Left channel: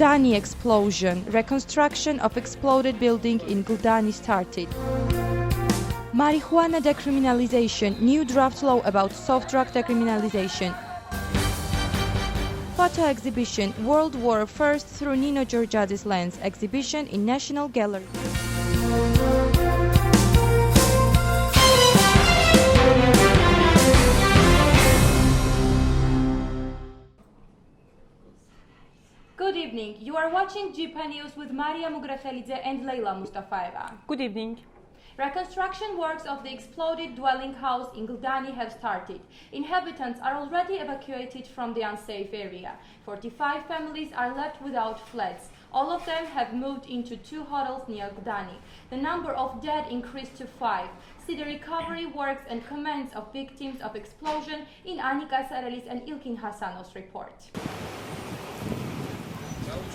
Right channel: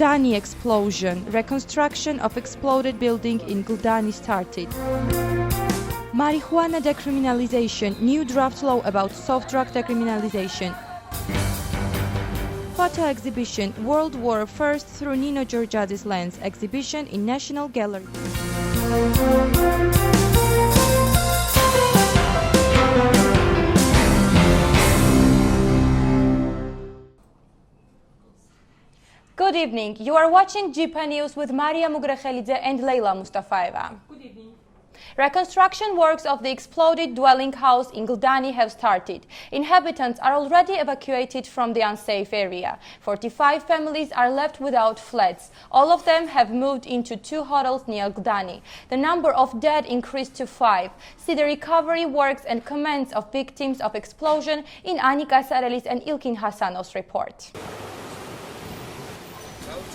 Guldani explosion. Reconstruction of exploded building in Guldani started. Marijuana decriminalization. New draft law about soft drug decriminalization. Photo exhibition. World War I through Nino Georgiades lens. Exhibition in National Gallery. Good evening. You are watching GPA News with Maria Mugrafelidze and Leila Mustafaeva. Good evening. Reconstruction works of the exploded dwelling house in Guldani have started. Inhabitants are already evacuated from the unsafe area. 45 families are left without flats. All of them have moved into 2 hotels near Guldani. The number of dead increased to 5. See the recovery works and comments of victims of explosion in Anika Sarelis and Ilkin Hassanov's report.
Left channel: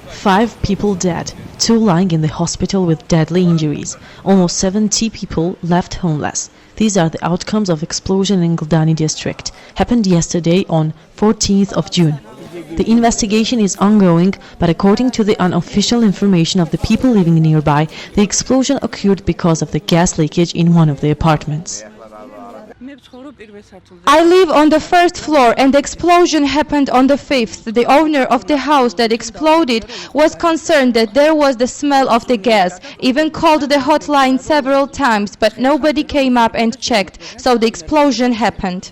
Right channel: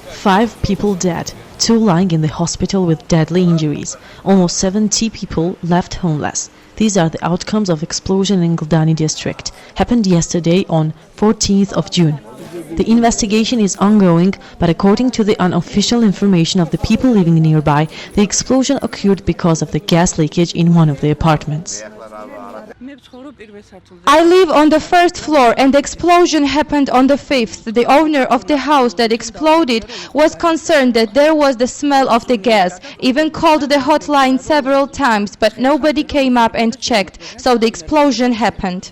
5 people dead, 2 lying in the hospital with deadly injuries. Almost 70 people left homeless. These are the outcomes of explosion in Guldani district. Happened yesterday on 14th of June. The investigation is ongoing, but according to the unofficial information of the people living nearby, the explosion occurred because of the gas leakage in one of the apartments. I live on the 1st floor and the explosion happened on the 5th. The owner of the house that exploded was concerned that there was the smell of the gas, even called the hotline several times, but nobody came up and checked, so the explosion happened.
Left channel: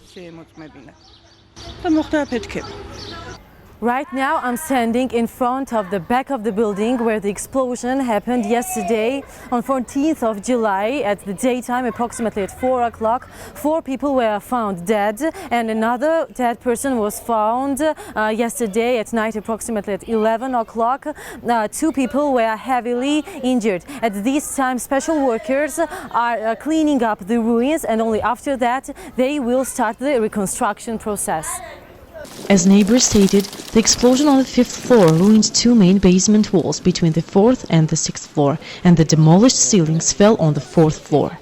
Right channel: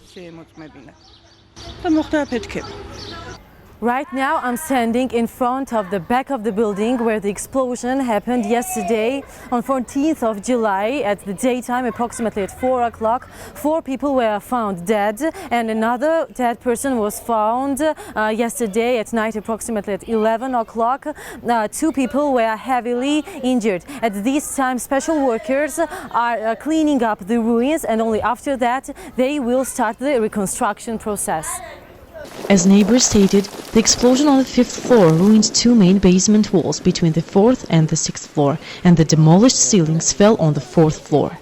Right now I'm standing in front of the back of the building where the explosion happened yesterday on 14th of July at the daytime, approximately at 4 o'clock. 4 people were found dead and another dead person was found yesterday at night, approximately at 11 o'clock. 2 people were heavily injured. At this time, special workers are cleaning up the ruins, and only after that they will start the reconstruction process. As neighbors stated, the explosion on the 5th floor ruined 2 main basement walls between the 4th and the 6th floor, and the demolished ceilings fell on the 4th floor.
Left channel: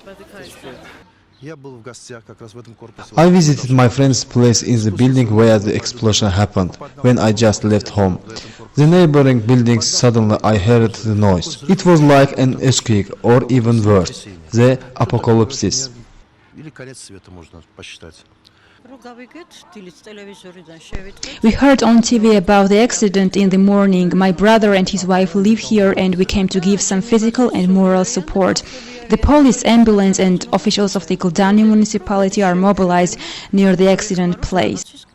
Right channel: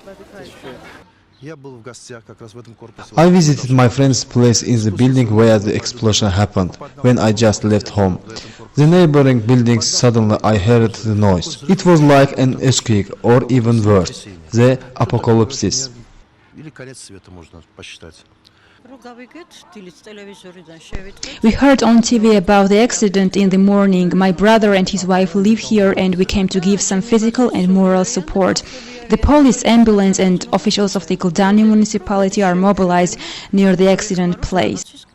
I visited my friend's place in the building where the explosion happened, when I just left home. The neighboring buildings, suddenly I heard the noise. It was like an earthquake, or even worse, the apocalypse. We heard on TV about the accident in the morning. My brother and his wife live here and we came to give some physical and moral support. The police, ambulance and officials of the Guldani municipality are mobilized near the accident place.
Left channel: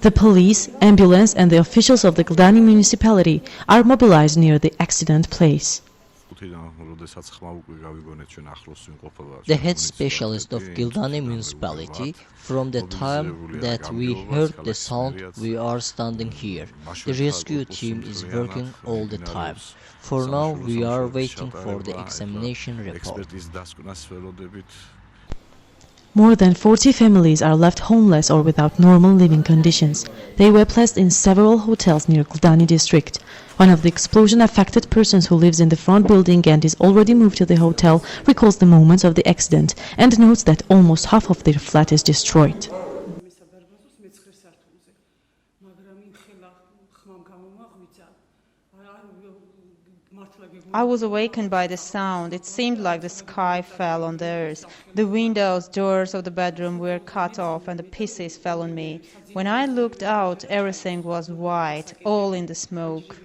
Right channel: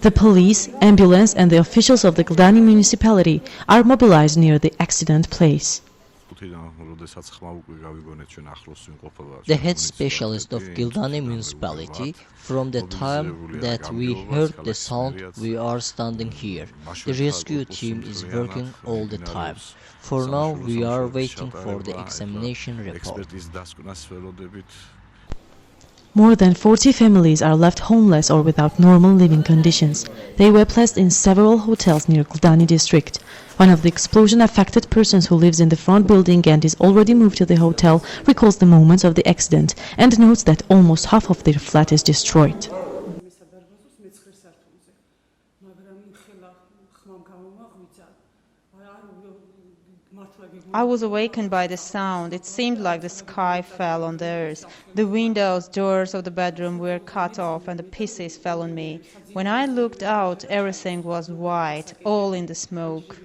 The police, ambulance and the officials of the Guldani municipality are mobilized near the accident place. The head specialist of Guldani municipality, from the time that we heard the sound, we are standing here. The rescue team is working all the time. For now, we are waiting for the examination report. More than 40 families are left homeless or without normal living conditions. They were placed in several hotels near Guldani district. One of the explosion-affected persons who lives in the front building and is already moved to the hotel recalls the moments of the accident and notes that almost half of their flat is destroyed. I was awakened by the sound. It seemed like the sky fell on the earth. The windows, doors of the bedroom were cut off and the pieces fell on me. When I looked out, everything was white, all in the smoke.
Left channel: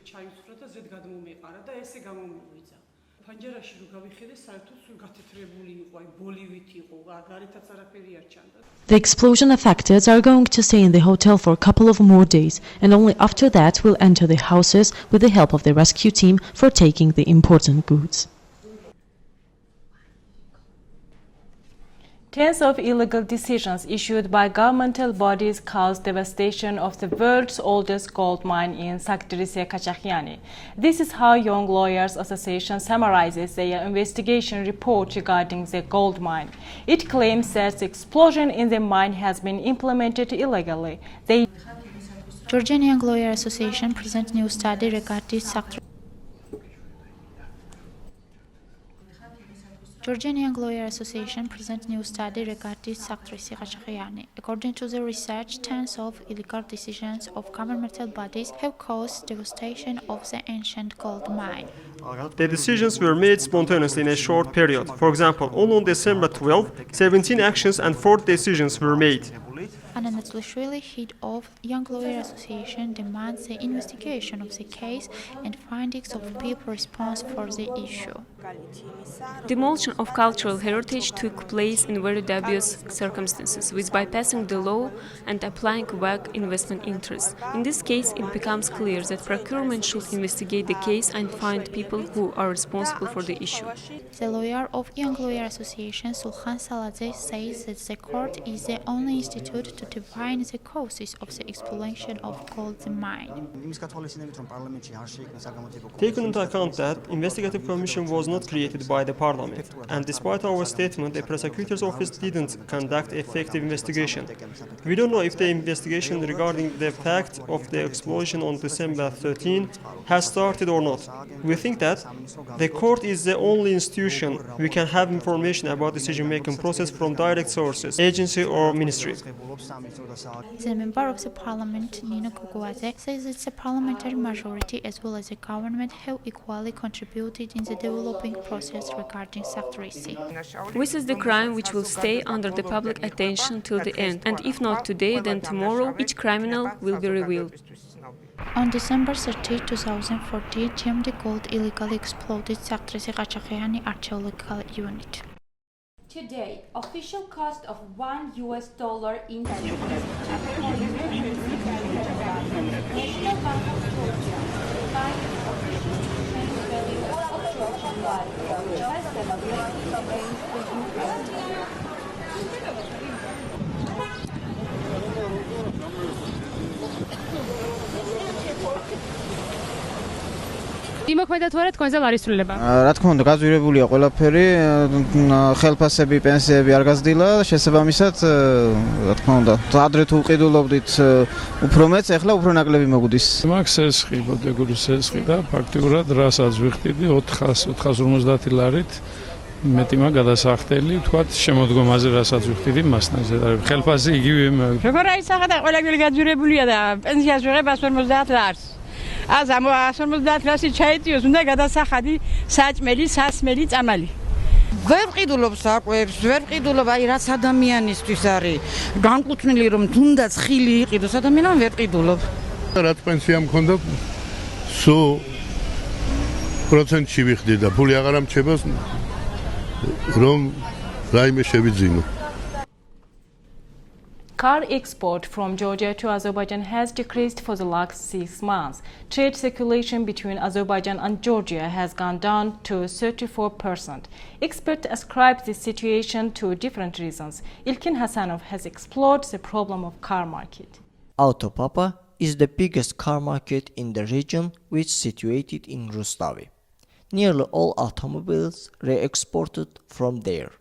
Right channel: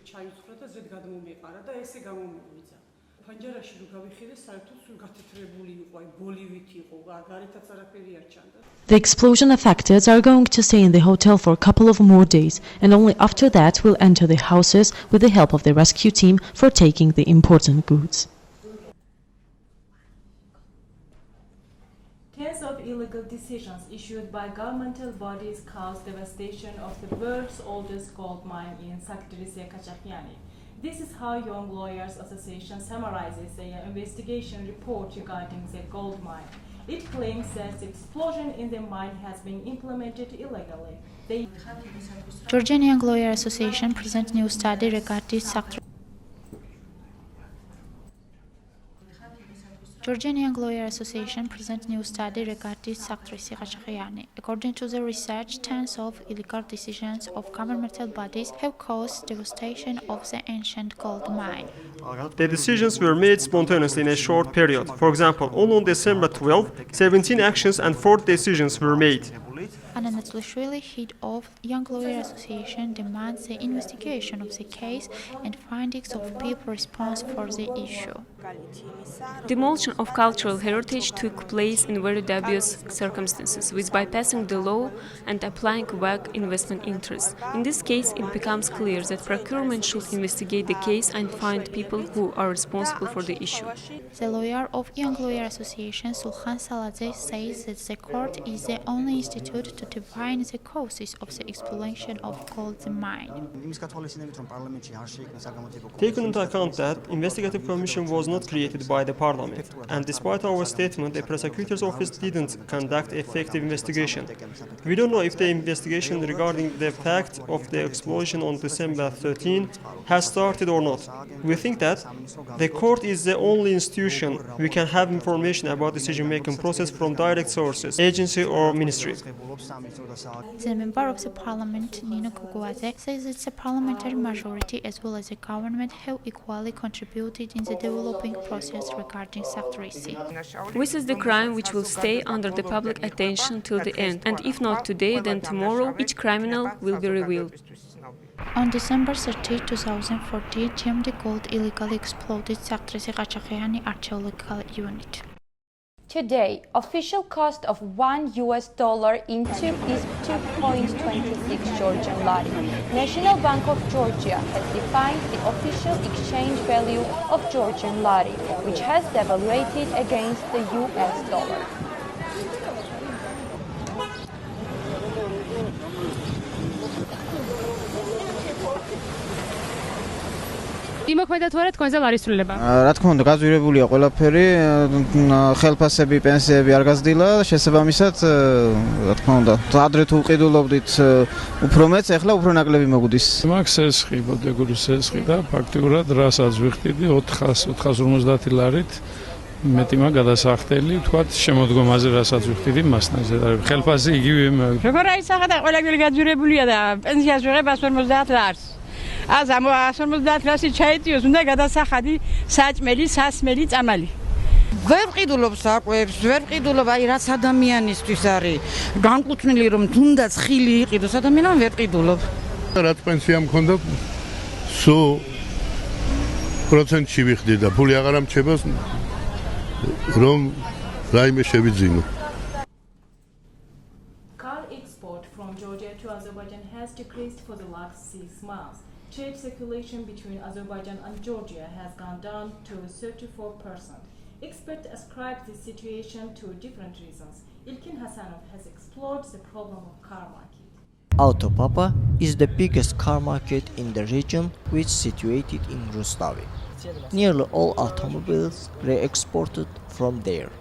The explosion affected are going to stay in the hotel for a couple of more days, and only after that will enter the houses with the help of the rescue team for taking the important goods. Tens of illegal decisions issued by governmental bodies caused devastation of the world's oldest gold mine in Sakhtari-Kachakiani. This is how Young Lawyers Association summarizes their investigation report regarding the gold mine. It claims that the explosion in the mine has been implemented illegally. Georgian Young Lawyers Association presents new study regarding Sakhtari. Georgian Young Lawyer Association presents new study regarding Saktrisi Qashqaiani. According to the research, tens of illegal decisions of governmental bodies have caused devastation of the ancient gold mine. The decisions were made spontaneously in a short period. For example, only on December 12, 17 actions and 4 decisions were made. Anna Natlishvili, head of Young Lawyer Association, demands the investigation of the case and findings of people responsible for the issue. Demolition of cultural heritage took place in very dubious circumstances, with bypassing the law and applying vague investment interests. In this case, it becomes clear that procurement should investigate the case and find people who are responsible for the issue. The lawyer of Young Lawyer Association, Sulhan Saladeh, says that the court is the only institute to define the causes of the exploitation of gold mine. Taking into account that investigative commission was not created by the parliament, and despite our statement, the prosecutor's office didn't conduct effective investigation. We don't know if the investigation regarding the fact of the explosion on December 13 has started or not. We think that the court is the only institution we can have information about decision-making process from direct sources, agency or ministry. The member of the parliament, Nino Kukuadze, says that the parliamentary majority as well as the government have equally contributed in the developing process regarding Saktrisi. This is the crime which will stay under the public attention till the end, and if not today, then tomorrow each criminal will be revealed. On December 30, 2014, GMD Gold illegally exploded Saktrisi Qashqaiani archaeological unit. Today, official cost of $1 in National Bank of Georgia provided official exchange value of Georgian lari, less than against the US. იმოქმედა თქვენზე ლარისრულება? რა თქმა უნდა, გაძვირებულია ყველაფერი, ხელფასები, პენსიები არ გაზრდილა, შესაბამისად, რა თქმა უნდა, ადრე თუ ვყიდულობდით უფრო მეც, ეხლა უფრო ნაკლები მოგვდის. მაქვს სესხი, ბოდეგურის სესხი და ფაქტიურად რასაც ვიხდიდი 450 ლარით მეტი მაგ გადასახდელი, ვთქვათ, შემოდგომაზე რასაც ვიხდიდი მასთან ზედარებ. ხელფასი იგივე. როგორ აისახა და ყველაფერი გაძვირებულია და პენსიას ვიღებ 150 ლარს. Az am 150 ლარსი ჩაიწიოს, უნდა გადასახადი, საჭმელი, სასმელი, წამალი. ვერ ვყიდულობ საკვებს, ვერ ვყიდულობ, აი რაც ადამიანისთვის არის განკუთვნილი რომ თუნდაც ხილი იყიდოს, ადამიანმა ვერ ვყიდულობ. რაც პენსია მქონდა, სულ პროცენტში ვიხდი და ფული აღარ ამჩება, რომ რაიმე შევიძინო. Car export from Georgia to Azerbaijan has decreased for the last 6 months. Trade circulation between Azerbaijan and Georgia has gone down to 34%. Experts ascribe this situation to different reasons. Ilkin Hasanov has explored the problem of car market. Autopapa is the biggest car market in the region, which is situated in Rustavi. Nearly all automobiles are exported from there.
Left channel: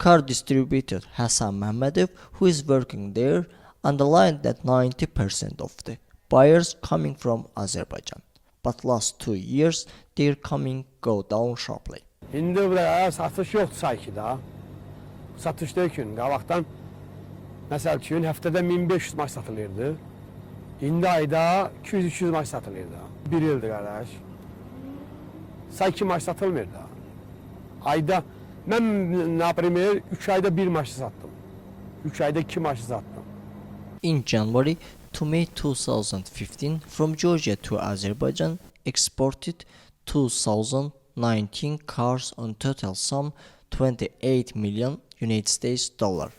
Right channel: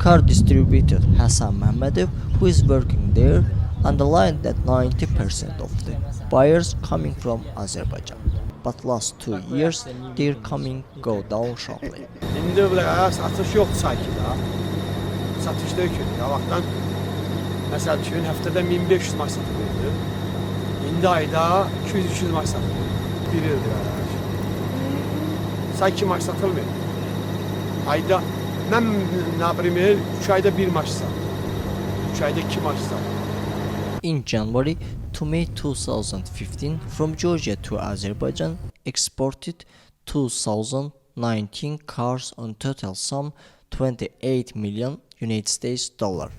Car distributor Hassan Mehmedov, who is working there, underlined that 90% of the buyers coming from Azerbaijan. But last 2 years, their coming go down sharply. İndi buraya satış yoxdur sanki da. Satışda gün qabaqdan məsəl üçün həftədə 1500 maç satılırdı. İndi ayda 200-300 maç satılırdı. 1 ildir qardaş. Sanki maç satılmır da. Ayda mən например 3 ayda 1 maç sattım. 3 ayda 2 maç sattım. In January to May 2015, from Georgia to Azerbaijan exported 2019 cars on total sum 28 million United States dollar.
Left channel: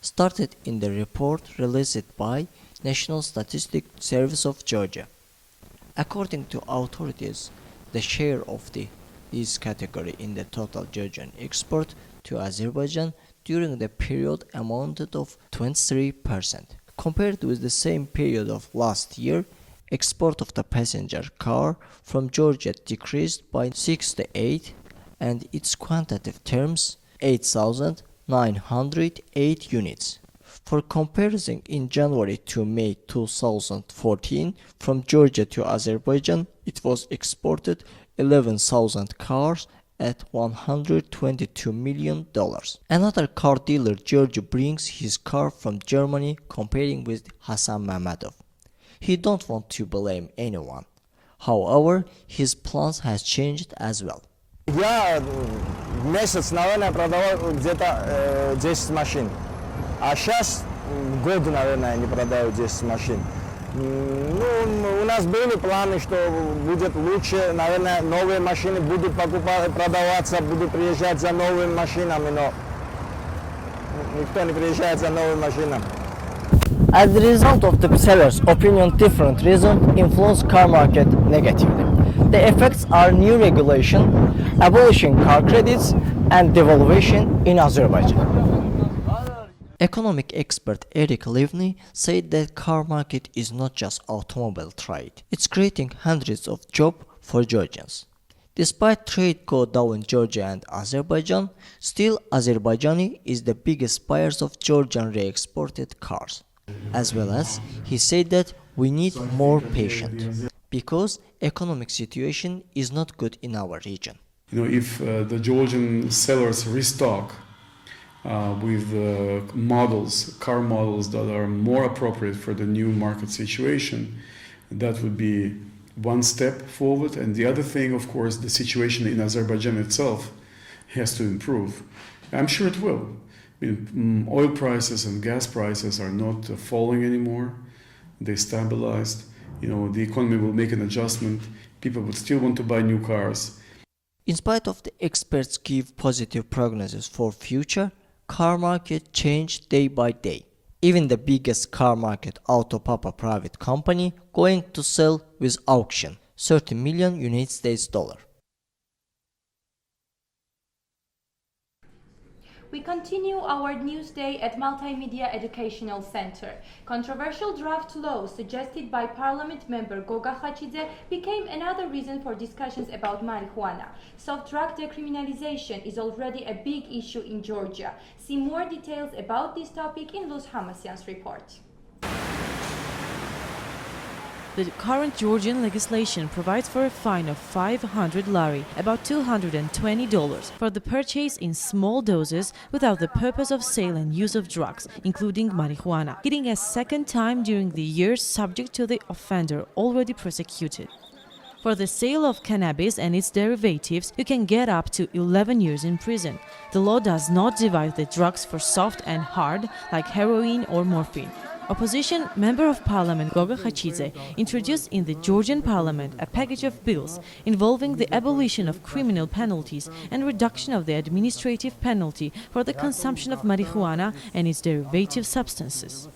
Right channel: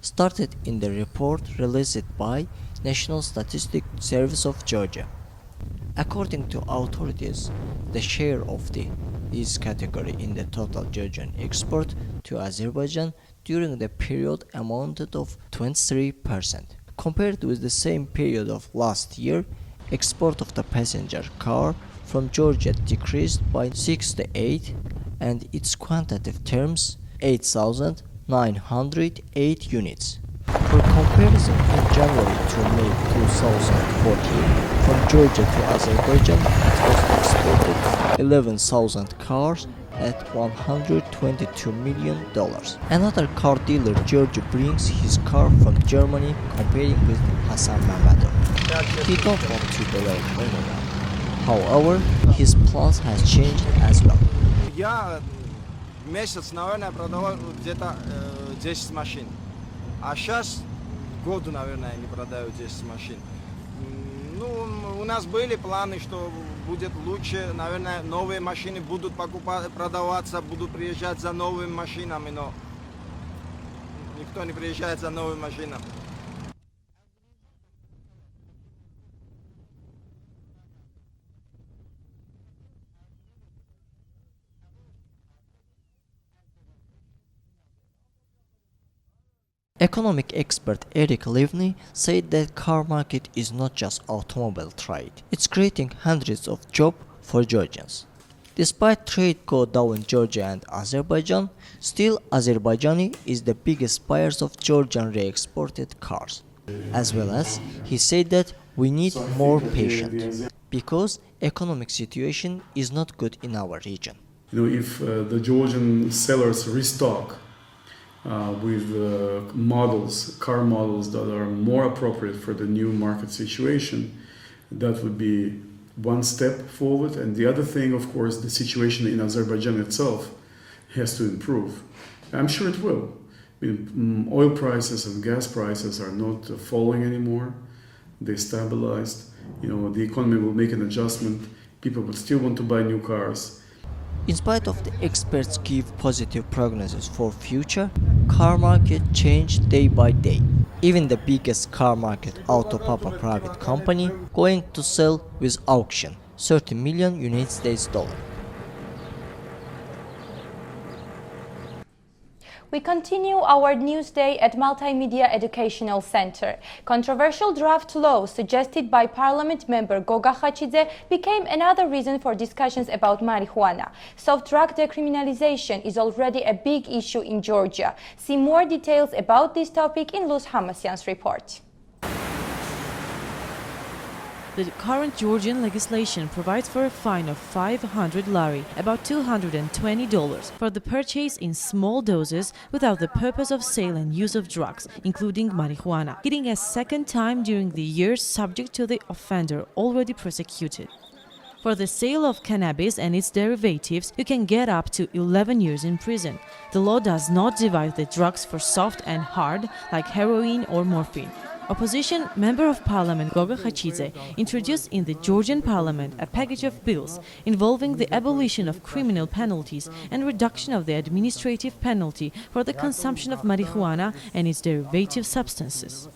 Started in the report released by National Statistics Service of Georgia. According to authorities, the share of this category in the total Georgian export to Azerbaijan during the period amounted of 23%. Compared with the same period of last year, export of the passenger car from Georgia decreased by 68 and its quantitative terms 8,908 units. For comparison, in January to May 2014, from Georgia to Azerbaijan, it was exported 11,000 cars at $122 million. Another car dealer, George, brings his car from Germany, competing with Hassan Mamadov. He don't want to blame anyone. However, his plans has changed as well. Я месяц, наверное, продавал где-то 10 машин. А сейчас год, наверное, не продаю 10 машин. Ну, у нас были планы, что будет лучше, наверное, новые машины будут продаваться, будут приезжать за новыми машинами, но никто не приезжает за новыми машинами. As a result of the sellers' opinion, different reasons influence car market negatively. The effects are new regulation, abolishing car credits, and devaluation in Azerbaijan. Economic expert Eric Livni said that car market is not just automobile trade. It's creating hundreds of jobs for Georgians. Despite trade go down in Georgia and Azerbaijan, still Azerbaijani is the biggest buyers of Georgian re-exported cars. As well as, he said that we need more patience because economic situation is not good in our region. You know, if the Georgian sellers restock with models, car models that are more appropriate for the new market situation, that would be one step forward. And the other thing, of course, the situation in Azerbaijan itself has to improve. I'm sure it will. I mean, oil prices and gas prices are not falling anymore. They stabilized. You know, the economy will make an adjustment. People would still want to buy new cars. In spite of the experts give positive prognosis for future, car market change day by day. Even the biggest car market, Autopapa private company, going to sell with auction, $30 million United States dollar. We continue our Newsday at Multimedia Educational Center. Controversial draft law suggested by Parliament member Goga Khachidze became another reason for discussions about marijuana. Soft drug decriminalization is already a big issue in Georgia. See more details about this topic in Luz Hamasyan's report. The current Georgian legislation provides for a fine of 500 lari, about $220, for the purchase in small doses without the purpose of sale and use of drugs, including marijuana, hitting a second time during the year subject to the offender already prosecuted. For the sale of cannabis and its derivatives, you can get up to 11 years in prison. The law does not divide the drugs for soft and hard, like heroin or morphine. Opposition Member of Parliament Goga Khachidze introduced in the Georgian Parliament a package of bills involving the abolition of criminal penalties and reduction of the administrative penalty for the consumption of marijuana and its derivative substances.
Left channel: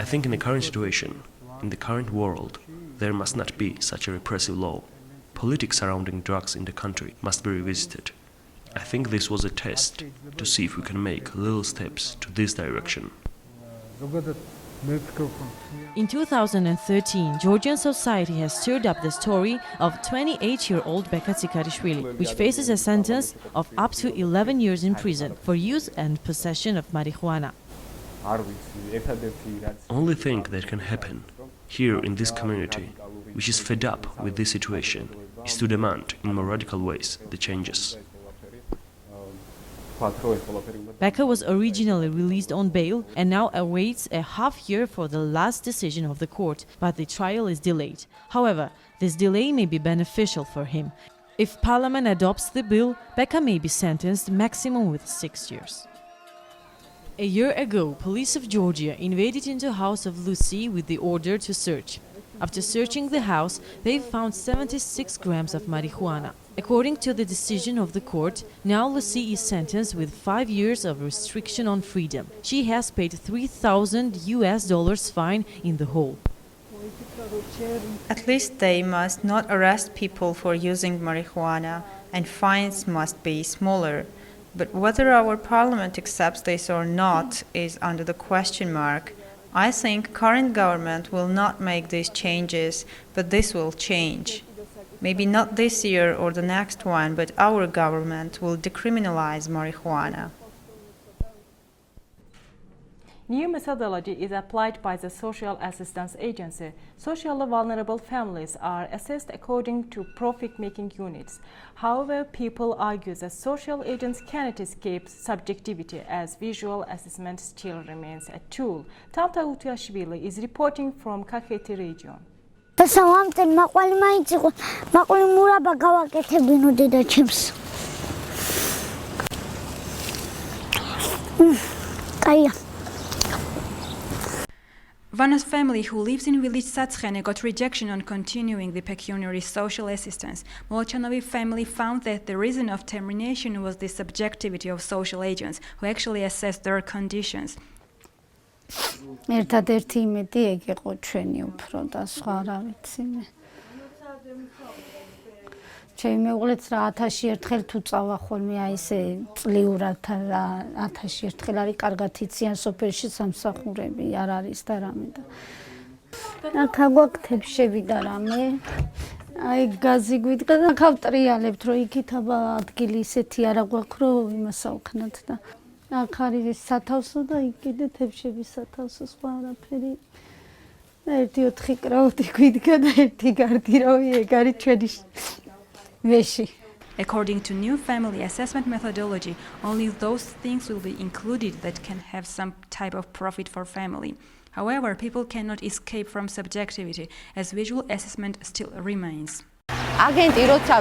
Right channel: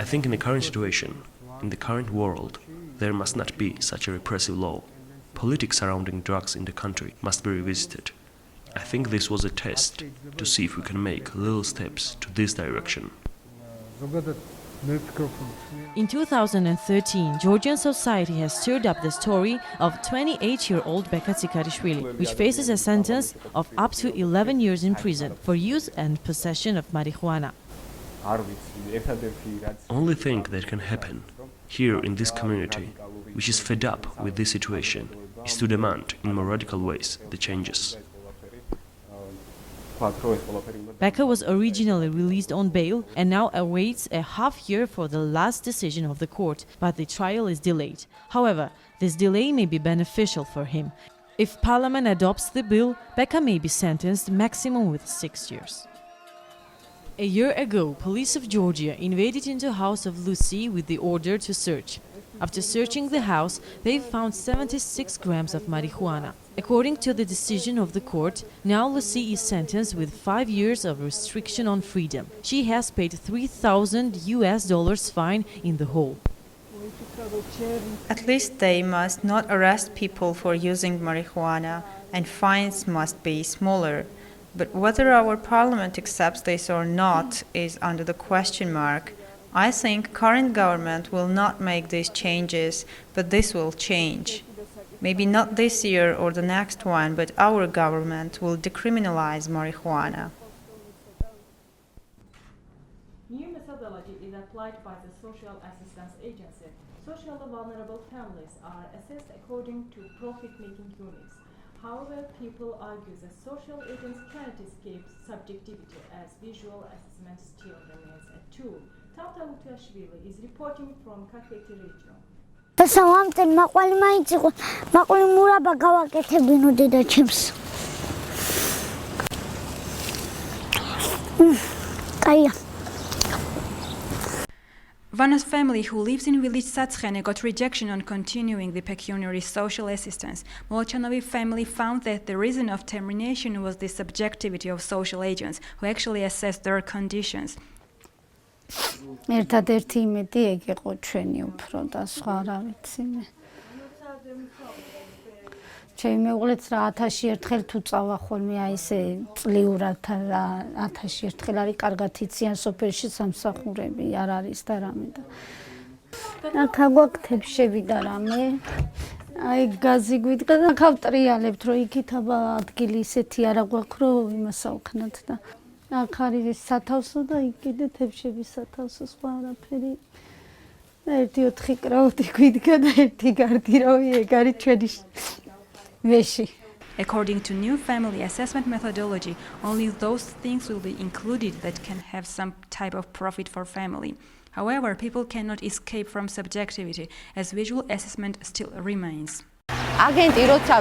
I think in the current situation, in the current world, there must not be such a repressive law. Politics surrounding drugs in the country must be revisited. I think this was a test to see if we can make little steps to this direction. In 2013, Georgian society has stirred up the story of 28-year-old Beka Tsikarishvili, which faces a sentence of up to 11 years in prison for use and possession of marijuana. Only thing that can happen here in this community, which is fed up with this situation, is to demand in more radical ways the changes. Beka was originally released on bail and now awaits a half year for the last decision of the court, but the trial is delayed. However, this delay may be beneficial for him. If Parliament adopts the bill, Beka may be sentenced maximum with 6 years. A year ago, police of Georgia invaded into the house of Lucy with the order to search. After searching the house, they found 76 grams of marijuana. According to the decision of the court, now Lucy is sentenced with 5 years of restriction on freedom. She has paid $3,000 fine in the whole. At least they must not arrest people for using marijuana, and fines must be smaller. But whether our parliament accepts this or not is under the question mark. I think current government will not make these changes, but this will change. Maybe not this year or the next one, but our government will decriminalize marijuana. New methodology is applied by the Social Assistance Agency. Socially vulnerable families are assessed according to profit-making units. However, people argue that social agents cannot escape subjectivity as visual assessment still remains a tool. Tamta Utiashvili is reporting from Kakheti region. Vana's family, who lives in village Satskene, got rejection on continuing the pecuniary social assistance. Molchanovi family found that the reason of termination was the subjectivity of social agents, who actually assessed their conditions. ერთადერთი იმედი ეგ იყო ჩვენი უფრო და სხვა რა ვიცი მე. ჩემი მეუღლეც რა 1000-ში ერთხელ თუ წავა ხოლმე აი ესე წლიურად რა 1000-ში ერთხელ არის კარგად იციან სოფელში სამსახურები არ არის და რამე და აქ აგვაქვს შევიდა რამე აი გაზი გვიდგა და გავტრიალებთ რომ იქით აბა ადგილი ისეთი არა გვაქვს რომ იმას ავქნათ და აქ არის სათავსო და იქ კიდე თებშების სათავსო სხვა არაფერი ერთი 4 კრაუტი გვიდგა და ერთი გარდირავი ეგ არის ჩვენი According to new family assessment methodology, only those things will be included that can have some type of profit for family. However, people cannot escape from subjectivity, as visual assessment still remains. აგენტი როცა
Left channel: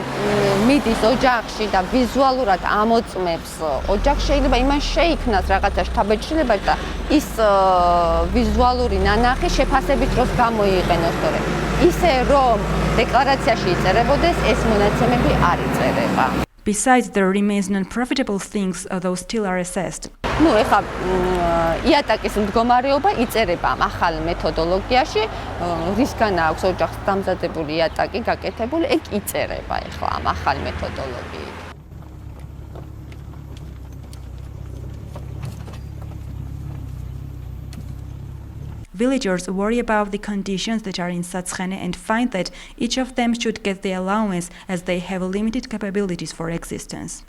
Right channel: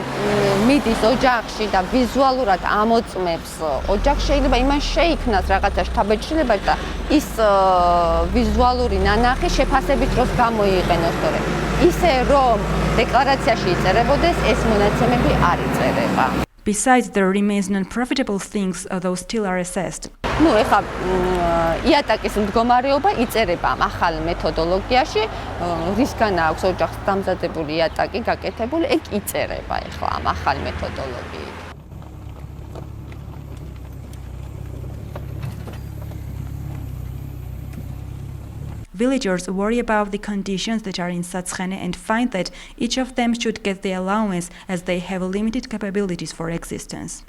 მიდის ოჯახში და ვიზუალურად ამოწმებს ოჯახს შეიძლება იმან შეიქმნას რაღაცა შთაბეჭდილება და ის ვიზუალური ნანახი შეფასების დროს გამოიყენოს, თორე ისე რომ დეკლარაციაში იწერებოდეს ეს მონაცემები არ იწერება. Besides, there remains non-profitable things, although still are assessed. ნუ ეხლა იატაკის მდგომარეობა იწერება ამ ახალ მეთოდოლოგიაში, რისგან აქვს ოჯახს დამზადებული იატაკი გაკეთებული, ეგ იწერება ეხლა ამ ახალ მეთოდოლოგიით. Villagers worry about the conditions that are in Satskene and find that each of them should get the allowance as they have limited capabilities for existence.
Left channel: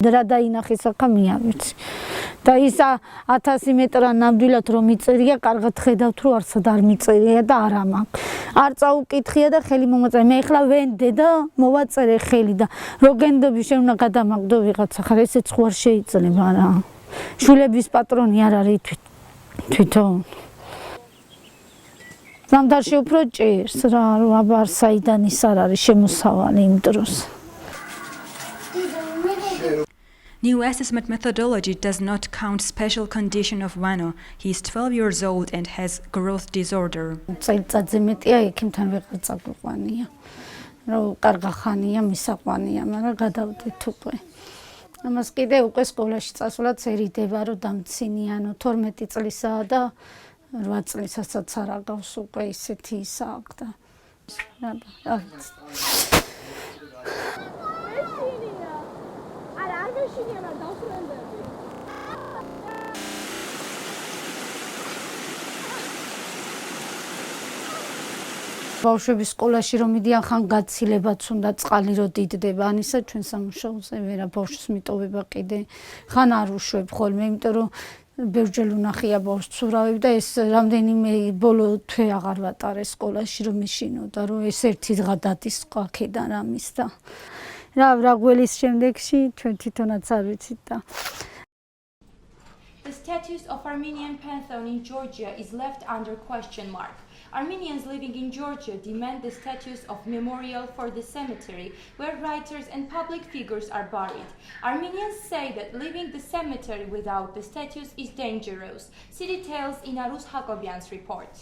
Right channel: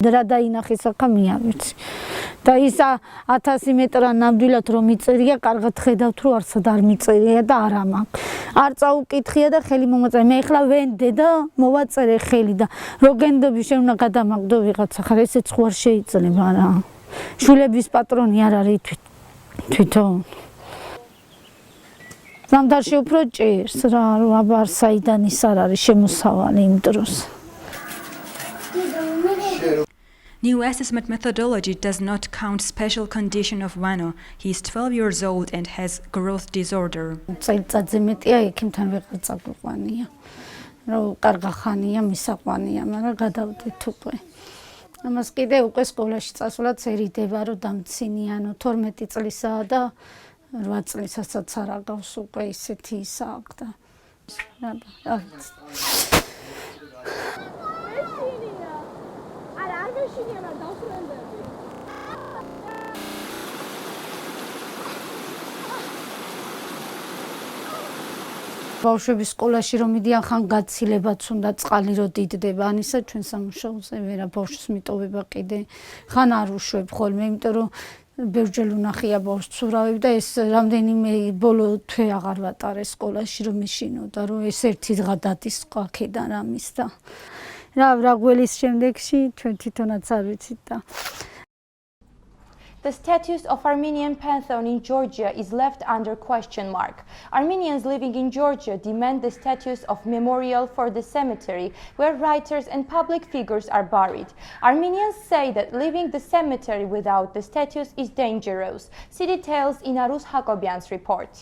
რა დაინახეს აქამია ვიცი და ის 1000 მეტრა ნამდვილად რომ მიწერია კარგად ხედავთ რომ არცად არ მიწერია და არა მაქვს არ წაუკითხია და ხელი მომაწერე მე ახლა ვენდე და მოვაწერე ხელი და რო გენდები შეუნა გადამაგდო ვიღაცა ხარ ესეც ხო არ შეიძლება რა შულების პატრონი არ არის თვითონ ზამთარში უფრო ჭირს რა რომ აბა საიდან ის არ არის შემოსავალი იმ დროს New assessment methodology does not count special condition of Vano. He is 12 years old and has growth disorder. წელიწადზე მეტია ექიმთან ვეღარ წაგვიყვანია. რომ კარგა ხანია, მისაყვანია, მაგრამ გადავდეთ უკვე. ამას კიდე უკვე სკოლაში წასვლაც ერიდება, რომ დამცინიანო 12 წლისაა და 8 წლისაცაც არ აგავს უკვე ისეთი ისა აქვს და. ბავშვების სკოლაში რომ მიდიან ხან გაცილებაც უნდა წყალი რო დიდდება ან ისა ჩვენ სამუშაოზე ვერა ბავშვს მიტოვება კიდე ხან არ უშვებ ხოლმე იმიტომ რომ ბევრჯერ უნახია ბავშვს ცურავებ და ეს რამდენიმე ბოლო თვე აღარ ვატარე სკოლაში რომ მეშინოდა რომ ეს ერთი დღა დადის ყაქედან ამის და რა გველის შემდეგში ჩვენ თვითონაც არ ვიცით და The status of Armenian pantheon in Georgia is left under question mark. Armenians living in Georgia demand the status of memorial for the cemetery where writers and public figures are buried. Armenians say that leaving the cemetery without the status is dangerous. See details in Arus Hakobian's report.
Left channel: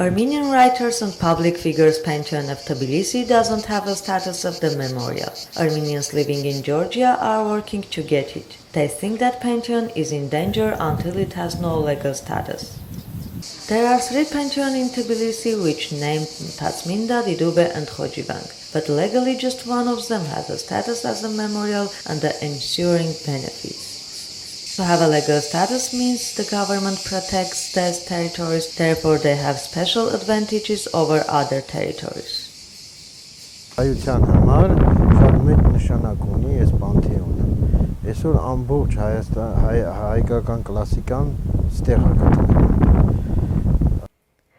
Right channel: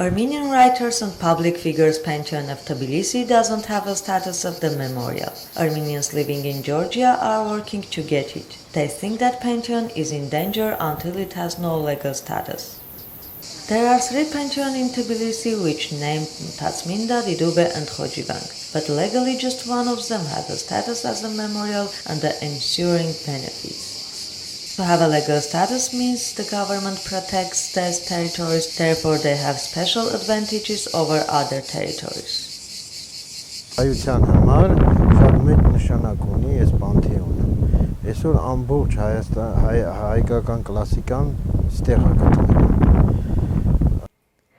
Armenian writers and public figures Pantheon of Tbilisi doesn't have a status of the memorial. Armenians living in Georgia are working to get it. They think that Pantheon is in danger until it has no legal status. There are 3 Pantheon in Tbilisi which named Tatsminda, Didube and Khojivang, but legally just one of them has a status as a memorial and the ensuing benefits. To have a legal status means the government protects these territories, therefore they have special advantages over other territories. Հայության համար շատ մեծ նշանակ ունի այս պանթեոնը։ Այսօր ամբողջ հայկական կլասիկան ստեղ է գտնվում։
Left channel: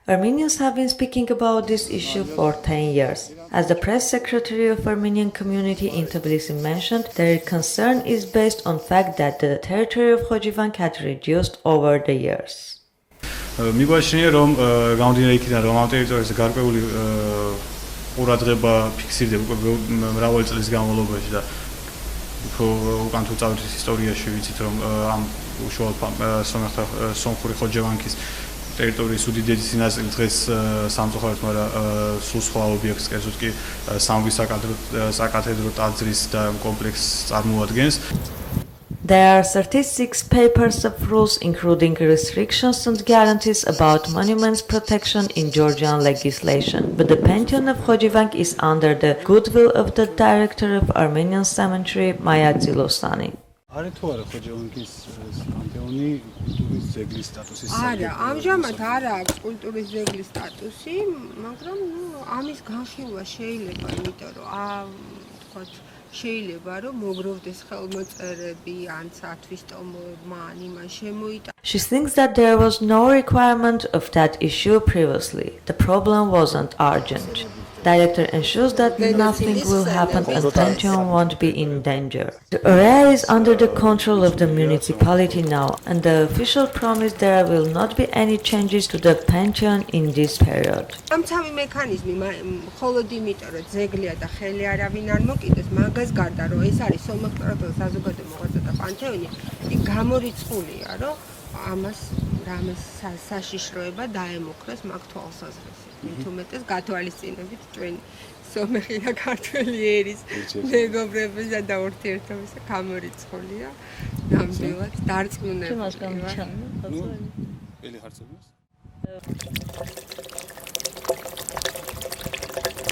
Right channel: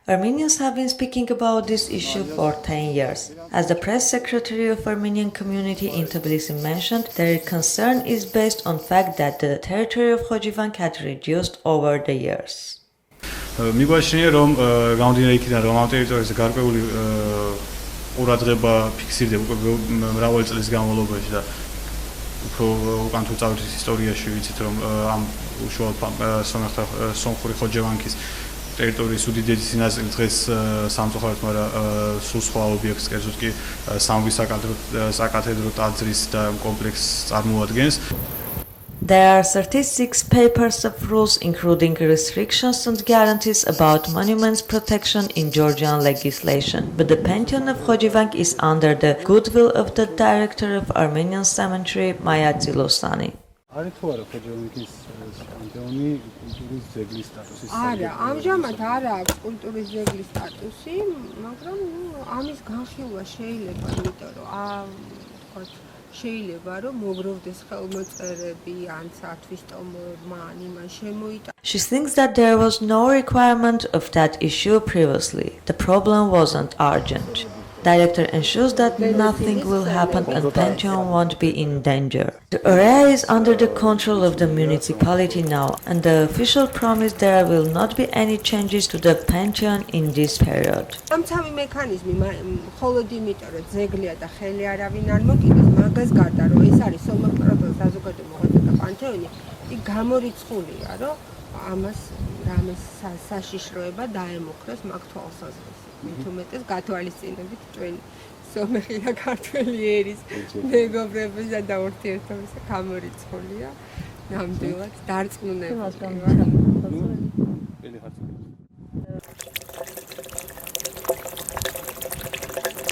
Armenians have been speaking about this issue for 10 years. As the press secretary of Armenian community in Tbilisi mentioned, their concern is based on fact that the territory of Khojivang had reduced over the years. Միგვաշնի რომ գանդիներիքიდან რომ ამ ტერიტორიაზე გარკვეული ყურადღება ფიქსირდება მრავალი წლის განმავლობაში და უფრო უკან თუ წავიდეთ ისტორიაში ვიცით რომ ამ უშუალოდ სომხური ხოჯევანქის ტერიტორიის უდიდესი ნაწილი დღეს სამწუხაროდ მაგრამ სულ სხვა ობიექტს კერძოდ კი სამგვის საკათედრო ტაძრის და კომპლექსს წარმოადგენს. There are 36 papers of rules including restrictions and guarantees about monuments protection in Georgian legislation, but the Pantheon of Khojivang is under the goodwill of the director of Armenian Cemetery, Maya Zilosani. არის თუ არა ხოჯევანქის პანთეონი კულტურის ძეგლის სტატუსის არა, ამჟამად არ აქვს კულტურის ძეგლის სტატუსი, მაგრამ ამის განხილვა შეიძლება, იმიტომ რომ თქვათ შეიძლება რომ მოგროვდეს ხელმოწერები ან სათვის ტომოებმა ან იმან შემოიტანოს. She thinks that there was no requirement of that issue previously. The problem wasn't urgent. Director ensures that nothing will happen and Pantheon won't be in danger. The area is under the control of the municipality now, and the official promised there will not be any changes to the Pantheon in this period. ამცავი მექანიზმი მხოლოდ იმიტომ რომ ძეგლია და ხელი არავინ არ მოკიდეს, მაგას გარდა რომ ეს არის სომხ-კროტოს საზოგადო მოღვაწეთა პანთეონი, იქ გამორიცხულია რომ ამას რამეს საშიშროება დაემუქრეს მაგ თვალსაზრისით. თუმეტეს გათვალისწინებით ჩვენ სომეხი და ქართველი ერის მეგობრებისა და ურთიერთობისა გამორიცხულია ნამდვილად დარწმუნებული.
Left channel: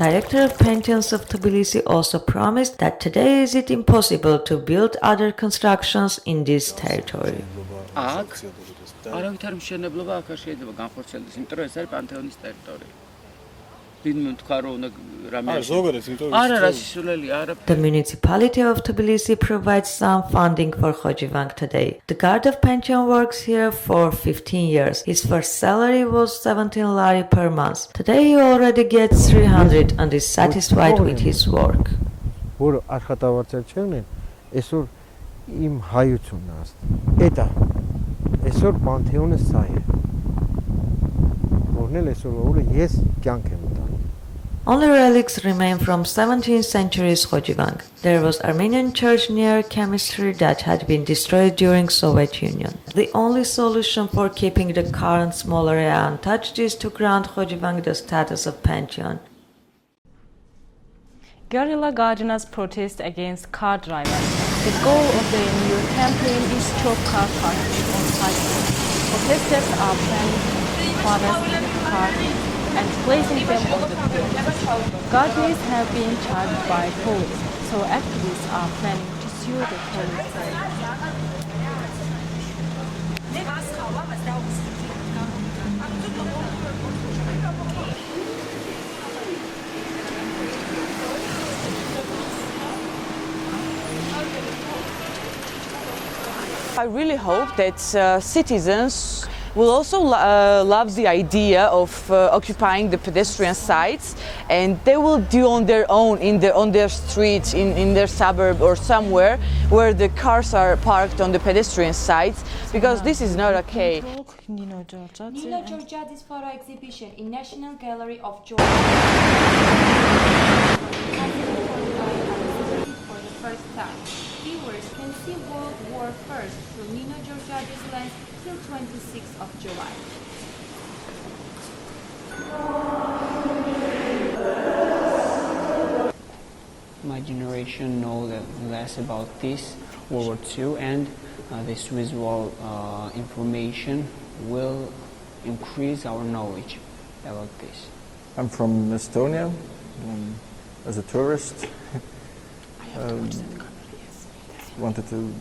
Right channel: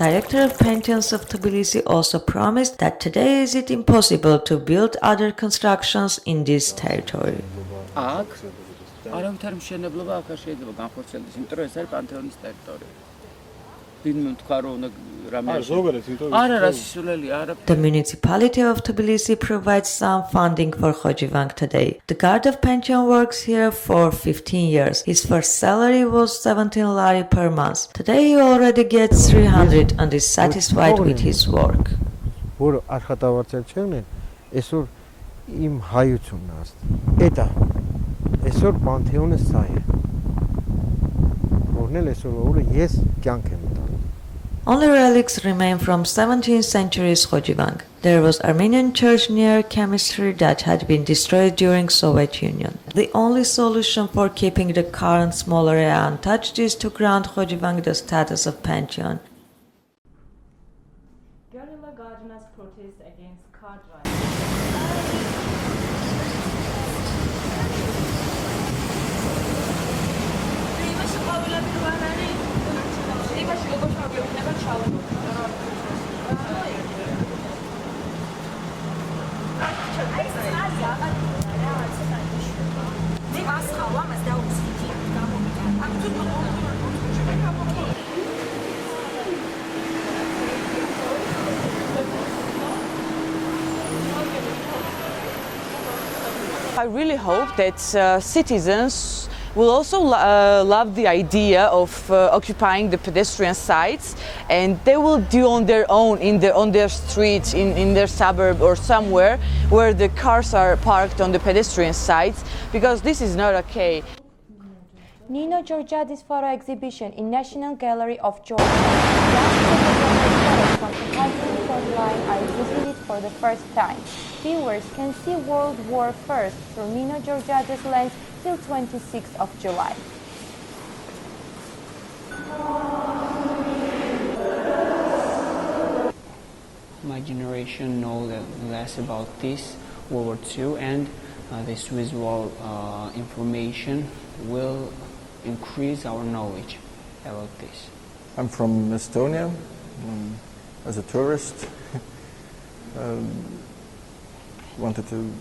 Director of Pantheons of Tbilisi also promised that today is it impossible to build other constructions in this territory. არავითარ მშენებლობა აქ არ შეიძლება განხორციელდეს, იმიტომ რომ ეს არის პანთეონის ტერიტორია. The municipality of Tbilisi provides some funding for Khojivang today. The guard of Pantheon works here for 15 years. His first salary was 17 lari per month. Today he already gets 300 and is satisfied with his work. Im հայությունն էտա այսօր պանթեոնը սա է որնել այսօր օրը ես կյանք եմ տալու. Only relics remain from 17th century's Khojivang. There was Armenian church near chemistry that had been destroyed during Soviet Union. The only solution for keeping the current small area untouched is to grant Khojivang the status of Pantheon. Guerrilla gardeners protest against car drivers. The goal of the new campaign is to stop car parking on sidewalks. Protesters are planning cars in the car and placing them on the field. Gardeners have been charged by police, so activists are planning to sue the police. I really hope that citizens will also love the idea of occupying the pedestrian sites, and they will do on their own on their streets, in their suburb or somewhere where the cars are parked on the pedestrian sites, because this is not okay. Nino Georgiadis photo exhibition in National Gallery of Georgia. For the first time. viewers can see World War I through Nino Georgiades lens till 26th of July. My generation knows less about this World War II, and this visual information will increase our knowledge about this. I'm from Estonia, as a tourist. Wanted to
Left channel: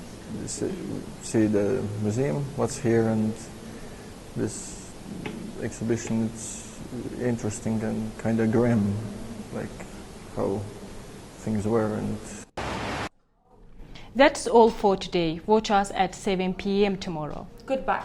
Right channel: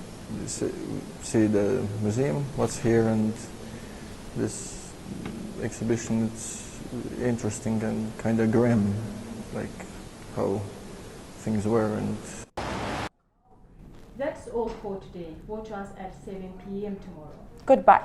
see the museum, what's here, and this exhibition. It's interesting and kind of grim, like how things were. And that's all for today. Watch us at 7 p.m. tomorrow. Goodbye.